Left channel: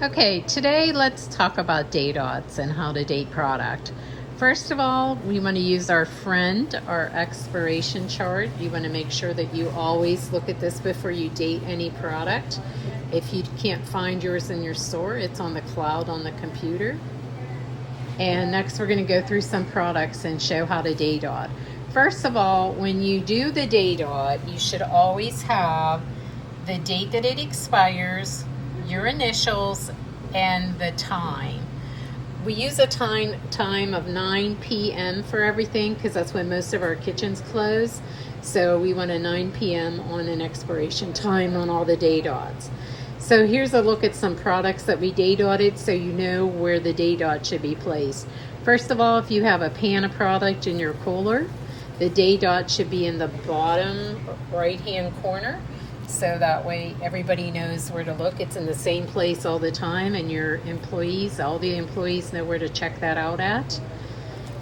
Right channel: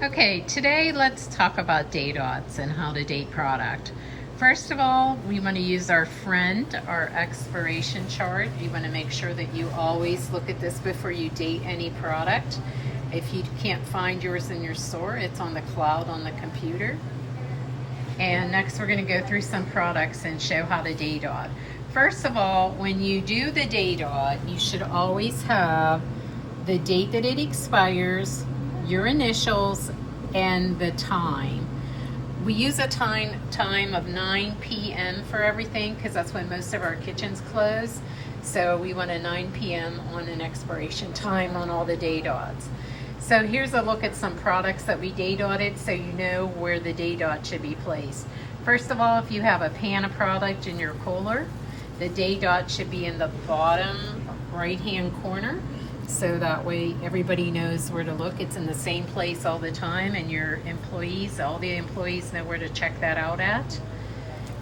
Okay, today let's talk about date odds and how to date product. First of all, we want to use our friend, our expiration chart. You want to make sure that you always look at this before you date any product. If you can't find yours in your store, it's on the cloud on the computer. And next we're going to go through some products and show how to date aud. First of all, when you do the date aud, you should always have the date that it expires, your initials, and the time. We use a time of 9 p.m. for everything because that's when most of our kitchens close. So we want a 9 p.m. on an expiration time on all the date odds. So here's a look at some products that we date auded so you know where the date aud should be placed. First of all, if you have a pan of product in your cooler, the date aud should be in the bottom right hand corner. So that way everybody knows where to look. It's in the same place all the time, and your employees, all the employees know where to check that out at.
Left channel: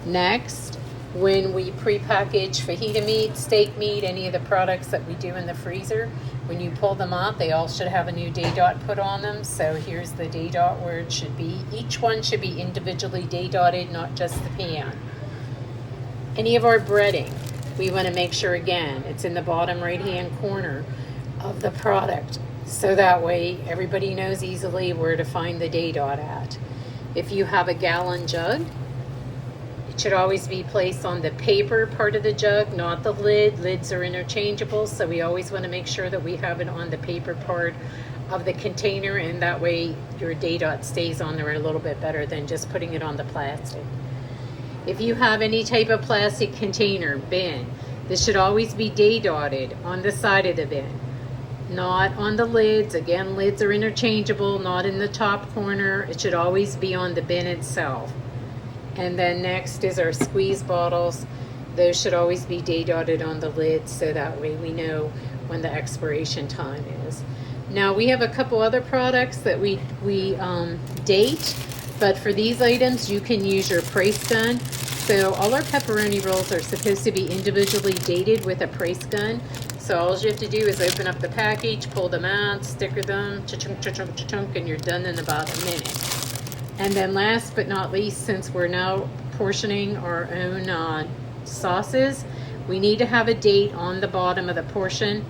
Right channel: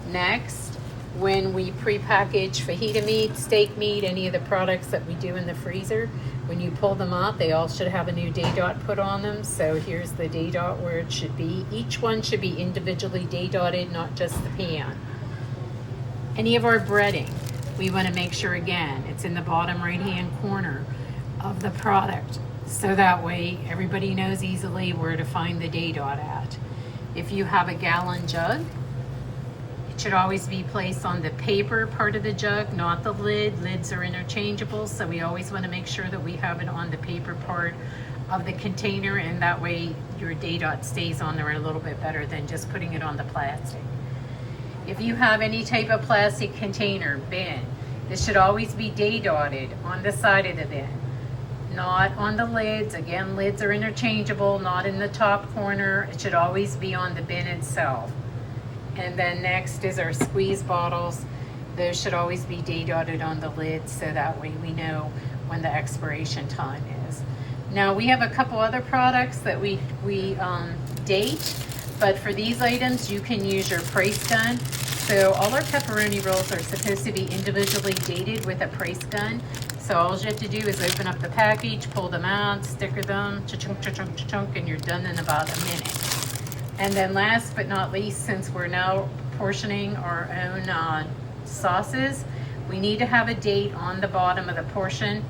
Next, when we pre-package fajita meat, steak meat, any of the products that we do in the freezer, when you pull them out, they all should have a new date aud put on them. So here's the date aud where it should be. Each one should be individually date auded, not just the pan. Any of our breading, we want to make sure again, it's in the bottom right-hand corner of the product, so that way everybody knows easily where to find the date aud at. If you have a gallon jug, it should always be placed on the paper part of the jug, not the lid. Lids are interchangeable, so we always want to make sure that we have it on the paper part of the container, and that way your date aud stays on there a little bit better than just putting it on the plastic. If you have any type of plastic container, bin, this should always be date auded on the side of the bin, not on the lids. Again, lids are interchangeable, not in the top corner. It should always be on the bin itself. And then next is our squeeze bottles. Those should always be date auded on the lids, so that way we know when the expiration time is. Now we have a couple other products that we date, but for these items you can use your price gun. So all our pepperoni rolls are supposed to be individually dated with a price gun. So all you have to do is open up the package, pull them out, sticker them, cha-chunk, cha-chunk, cha-chunk, and you're done in about a minute. And then last but not least, since we're now portioning our own sauces, we need to have a date on the bottom of the portion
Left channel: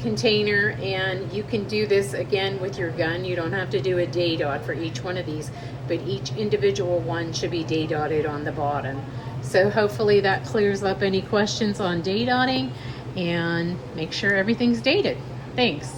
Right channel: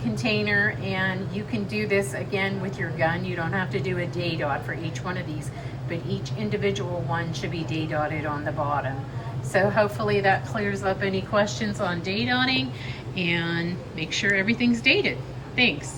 container, and you can do this again with your gun. You don't have to do a date aud for each one of these, but each individual one should be date auded on the bottom. So hopefully that clears up any questions on date auding, and make sure everything's dated. Thanks.